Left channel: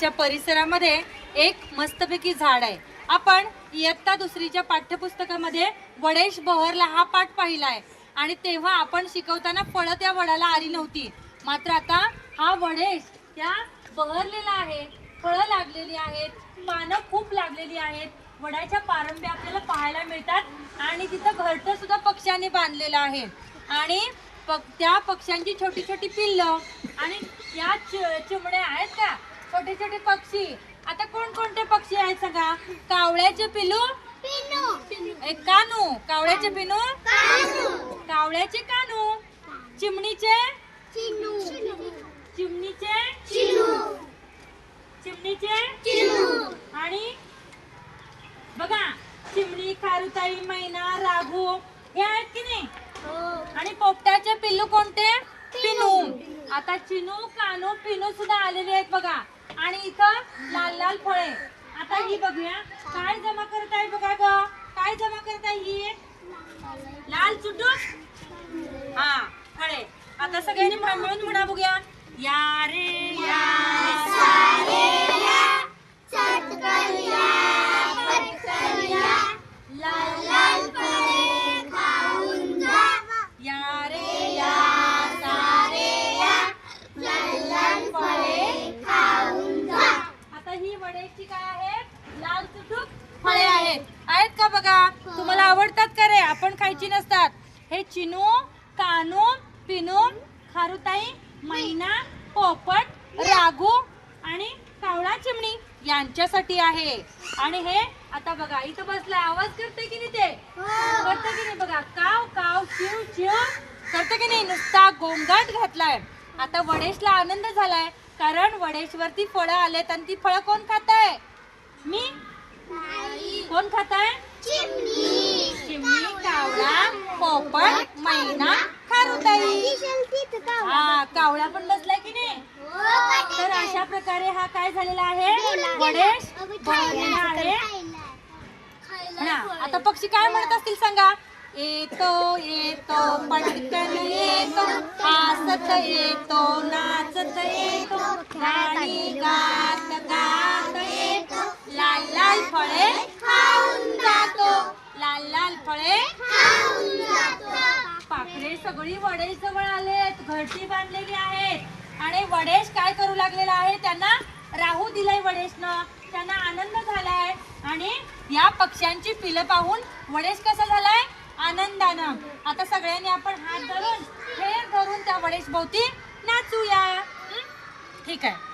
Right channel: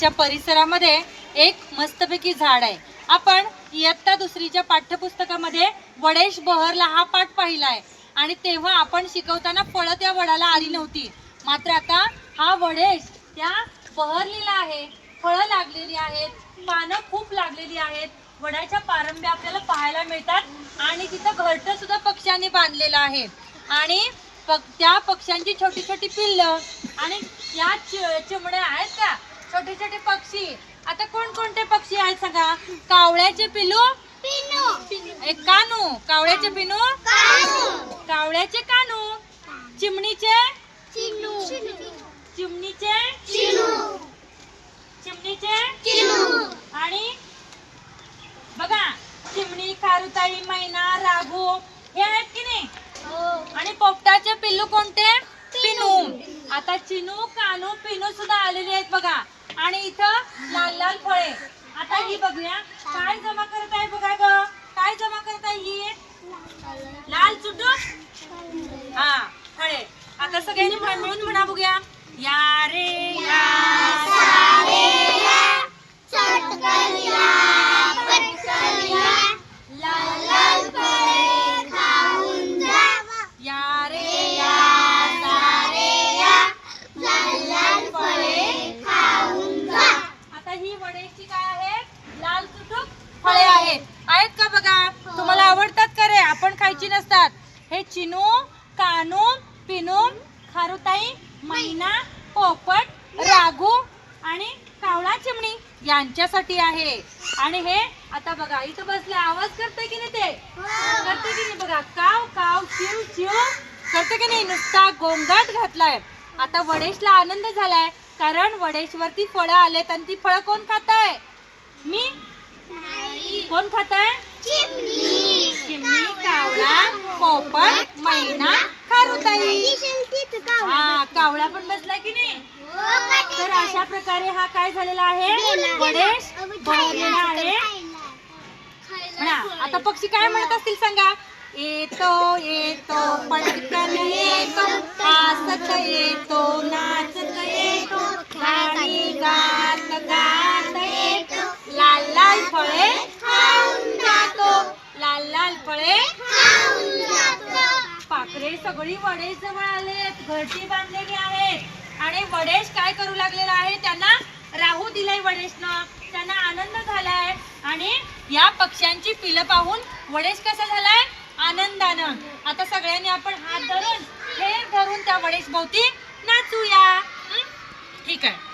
च्या परिसरामध्ये एक मस्तपैकी झाड आहे. आपण इयत्ता दुसरीच्या पाठ्यपुस्तकामध्ये वडेश बहरला हा पाठ पाहिला आहे. आणि तेव्हा आपण शिकवताना फळं त्या वडाला आली नव्हती. मात्र आता हा वडेश त्या बहरलेला आहे. फळं लागलेली आहेत पानं खूप लागलेली आहेत. वडाच्या पारंब्या आपल्याला पाहायला मिळतात. आणि तिथं घरटं सुद्धा पक्ष्यांनी बांधलेलं आहे. आणि पक त्या पक्ष्यांची छोटी छोटी पिल्लं आणि या चि- चिमण्या आहेत का? छोटे छोटे पक्षी. आता कोणकोणते पक्षी आहेत सांगा? कावळ्याचे पिलू? एक कानू. कावळ्याचे पिनू? कावळ्याचे कानू. चिमणीचे? चिमणीचे? चिमणीचे? आणि बघा चिमणी खारुताई मैना राघू हे आहेत की नाही? आणि पोपटाचे पिल्लू कोणते? पिनू. आता चिनू कानू पिनू सुद्धा आलेले आहेत बघा. आणि इथं लाल लाल फळे. आता ही बघूया. काय जमा करत आहे बघा ग? काय जमा करत आहे ही? लाल चुटू हा फळे. आता सगळ्यांनी मिळून म्हणा बघूया. या रे ही वड्याची काय आहे लाल सुटूक फळे आहेत. आहेत का बघा? तुम्हाला आवडतात का रे? आपण खायची नसतात. हे चिनू कानू पिनू खारुताई मैना पोपट राघू आणि कावळा चिमणी यांच्यासाठी आहे. आणि हे आता बघा इथं बसलाय. आवाज करते की नाही ते? करते की नाही बघा? काव काव चिव चिव. करते की नाही? नुसता गोंगाट घातलाय. आता वडेशला आनंद झालाय. कारण वडेशवरती फळं आलेत आणि ती फळं कोण खात आहे मी? कोण खात आहे चिमणी कावळा पोपट मैना खारुताई हा कावळा पण बसला की नाही? तर अशा प्रकारे हा काय झालेला आहे? वडेश बहरलेला आहे. आता पक्षी काय म्हणत असतील सांगा? येतो येतो पटकन येतो. हसत येतो नाचत येतो. गाणी गात गात येतो. लाल लाल फळे खाऊन जातो. लाल लाल फळे पाखरे सगळी वडेश जवळ आलेत घरटी बांधलेली आहेत. आणि वडेश काय करू लागलेला आहे? त्यांना राहू दिलाय वडेशनं. त्यांना आनंद झालाय. आणि या पक्ष्यांची पिलं पाहून वडेश कसा झालाय? आनंदानं. आता सगळ्यांनी आपण हात धरून हे धरून त्या वडेश भोवती नाचूया. ठीक आहे.